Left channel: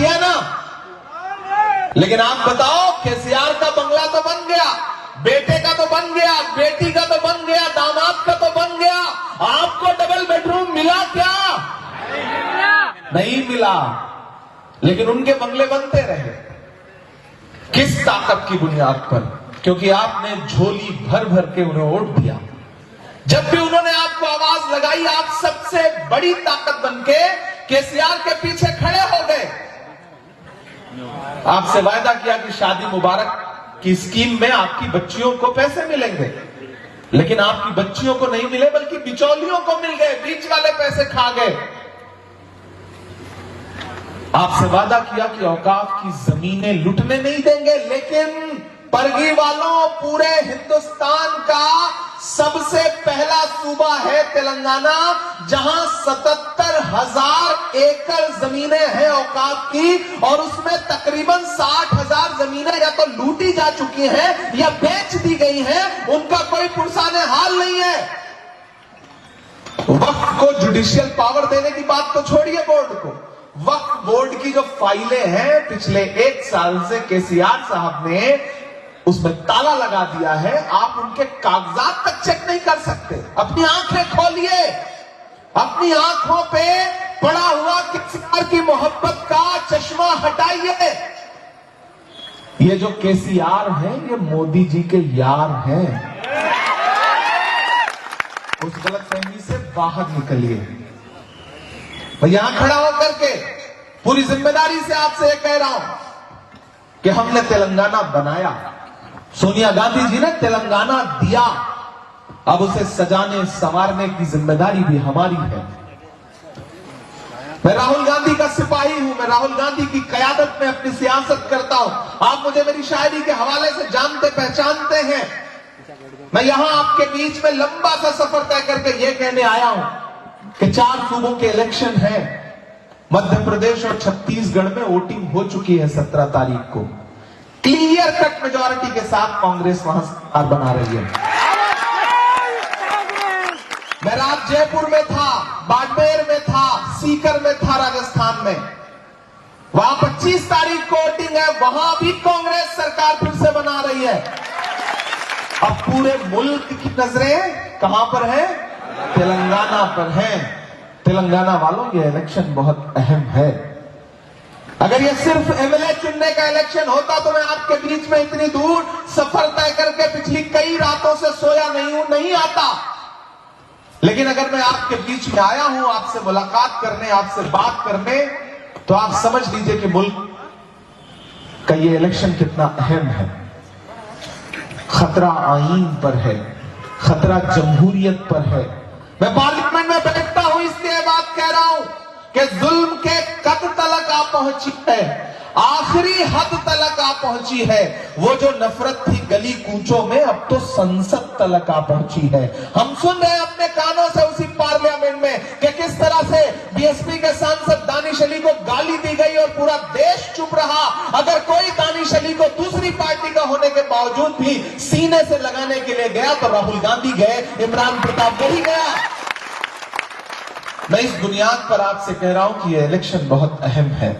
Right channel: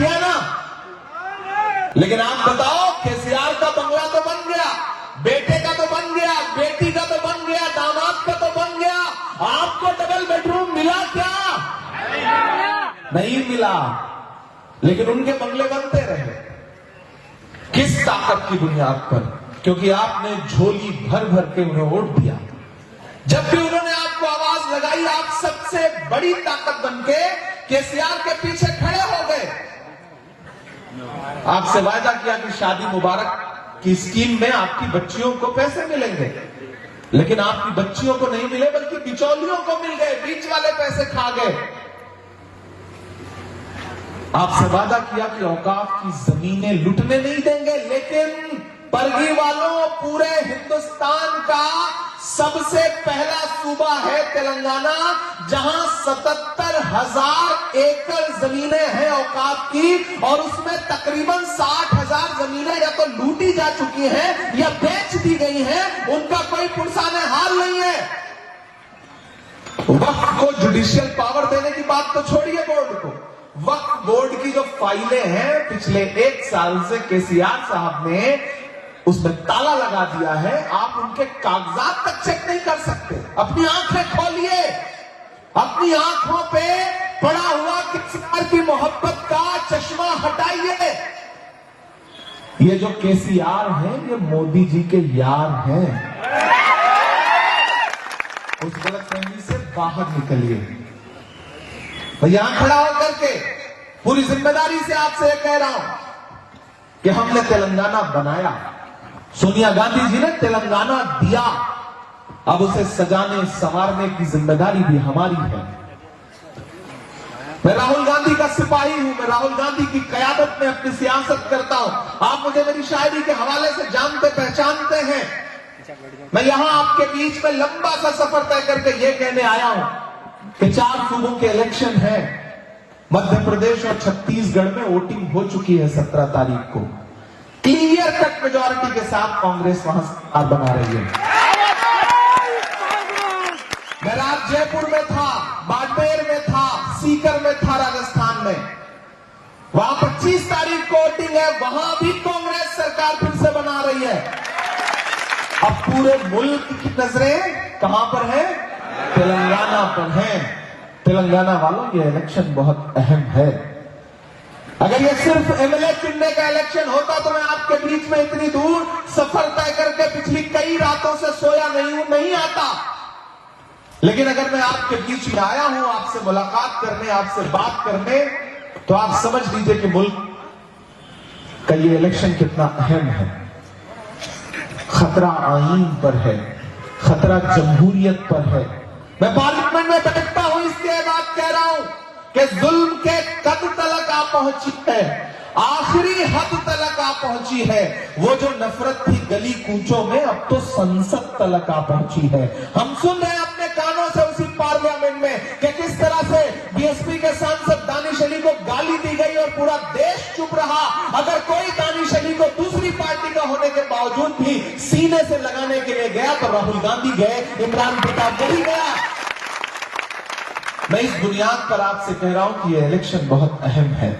किया ना। लेकिन आप बताओ, केसीआर का बंगला तो बन गया, बेटे का तो बन गया, बेटी का तो बन गया, दामाद का तो बन गया, आपको डबल बेडरूम मिला क्या? नहीं मिला। लेकिन उनके बंगले बनते रहे। किस ताकत की बुनियाद पर? क्योंकि आपने झोली भर भर के उन्हें वोट दिया। जब भी उन्होंने आपको आवाज लगाई, आप सबसे बड़ी ताकत बनके केसीआर के पीछे खड़े हो गए। आपसे वायदा किया कि शादी मुबारक की स्कीम में आपकी बच्चियों को पैसे मिलेंगे, लेकिन आपकी बच्चियों को नहीं मिले, बल्कि बिचौलियों को मिल गए, बीच वाले पैसे खा गए। आपसे वादा किया कि औकाफ की जमीनें लुटने नहीं देंगे, लेकिन परगी वालों, पूरे हिंदुस्तान का सबसे पहला सूबा है तेलंगाना, जहां 77,000 एकड़ जमीनें हैं औकाफ की, और उसमें तकरीबन 60,000 जमीनें या तो लूटी जा चुकी हैं या बेच दी गई हैं। उनका कोई पुरसाने हाल नहीं है। वक्फ को जुडिशियल पावर देने की बात तो छोड़िए, बोर्ड को, वक्फ बोर्ड की जो फाइलें हैं पिछले 1 साल से केसीआर साहब ने उसमें ताला लगा दिया है। आप उनके कागजात तक चेक नहीं कर सकते। अपनी आंखें खोलिए, अपनी आंखों पे पड़ा हुआ केसीआर की मोहब्बत का चश्मा हटाइए। ये जो केसीआर हैं, ये मोदी जी के यार हैं। उस गलतफहमी से बाहर निकलिए। मैं यहां खड़ा होकर के पूरी जिम्मेदारी से आपसे ये कह रहा हूं कि हमने तेलंगाना बनाया, सोनिया गांधी जी ने तेलंगाना दिया, अब उसे सजाने संवारने की जिम्मेदारी भी हमारी है। मैं राहुल गांधी का सिपाही हूं, मैं राहुल गांधी की कयादत में अपनी सियासत करता हूं। आप मुझे मेरी शायरी के हवाले से जानते पहचानते हैं। मैं यहां आपके बीच में लंबा सा सफर तय करके ये कहने आया हूं कि 4 सूबों के इलेक्शन है। मध्य प्रदेश और छत्तीसगढ़ में वोटिंग हो चुकी है 17 तारीख को। क्लियर कट मेजॉरिटी के साथ कांग्रेस वहां सरकार बना रही है। मैं रात जयपुर में था, बाड़मेर में था, सीकर में था, राजस्थान में। वहां 25 तारीख को वोटिंग है, वहां भी कांग्रेस सरकार फिर से बना रही है। अब पूरे मुल्क की नजरें कहां पर है? तेलंगाना पर है। तेलंगाना वालों, ये इलेक्शन बहुत अहम है। अगर ये सिर्फ एमएलए चुनने का इलेक्शन होता तो मैं आपके बीच में इतनी दूर सफर तय करके पिछली कई रातों से सोया नहीं आता। लेकिन अगर मैं आपके बीच में आया हूं आपसे मुलाकात करने, आपसे बात करने, तो आप समझ लीजिए कि मुल्क का ये इलेक्शन कितना अहम है। खतरा आईन पर है, खतरा जमहूरियत पर है। मैं पार्लियामेंट में बैठता हूं, इसलिए बात कह रहा हूं कि जुल्म के कद तलक आ पहुंची है, आखिरी हद तलक आ पहुंची है। वो जो नफरत थी गली कूचों में, अब तो संसद तलक आ पहुंची है। हम सुन रहे हैं अपने कानों से उसी पार्लियामेंट में कि किस तरह से बीएसपी के सांसद दानिश अली को गाली दी गई और पूरा देश चुप रहा। अगर कोई दानिश अली को दूसरी पार्टी का होने के बावजूद भी सीने से लगाने के लिए गया तो राहुल गांधी गए, इमरान प्रताप नहीं गया। मैं इस बुनियाद पर आपसे कह रहा हूं कि यह इलेक्शन बहुत अहम है।